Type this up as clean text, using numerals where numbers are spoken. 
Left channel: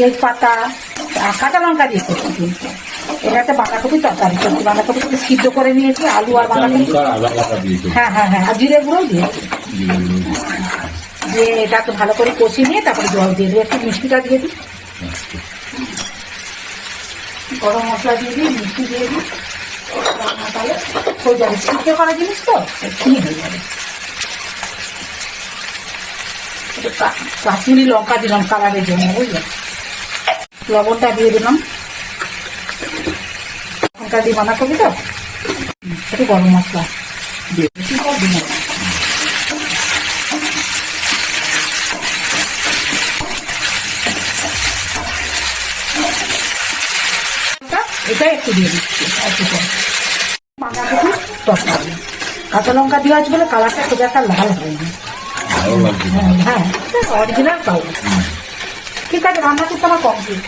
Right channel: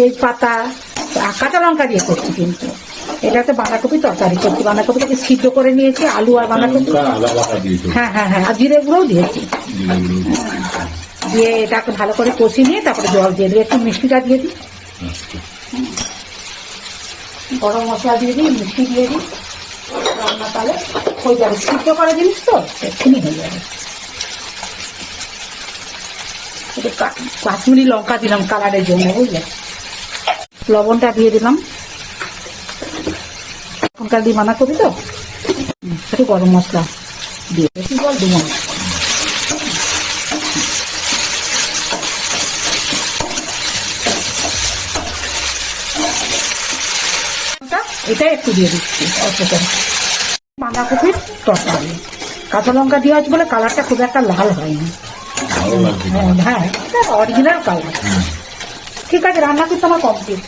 তেজপাতা আর কাঁচা লঙ্কা দিয়ে করছি কিন্তু এটা একটা বাঁধাকপি তরকারি করছি। বাঁধাকপিটাকে সিদ্ধ করে নিয়েছি, আলু আর বাঁধাকপি। হ্যাঁ হ্যাঁ হ্যাঁ, আর জিরে গুঁড়োও দিয়েছি। দিয়ে এটাকে ভালো করে কষিয়ে নিয়ে তারপরে জল দিয়ে দিই, একটু মিষ্টিটা দিয়ে দিই, গরম মশলা দিয়ে দিই, মিষ্টি দিয়ে দিই। রান্না তাহলে হয়ে যাবে, সিদ্ধ করা জিনিস তো এক্ষুনি হয়ে যাবে। কাশ্মীরি লঙ্কা দিলাম কালারের জন্য, বুঝলেন। লবণটা দিয়ে দিলাম, লবণটা দিয়ে বাঁধাকপি তো একটু গরম মশলা দিয়ে বেশি জল দিব না। এটা একটু দিয়ে দিচ্ছি বাঁধাকপির তরকারি। কাঁচা লঙ্কা দেওয়া আছে বলে কালারটা খুব একটা লাল হয়নি। হ্যাঁ, অরিজিনাল কালার। ঠিক আছে, রান্না করতে আমার কমপ্লিট।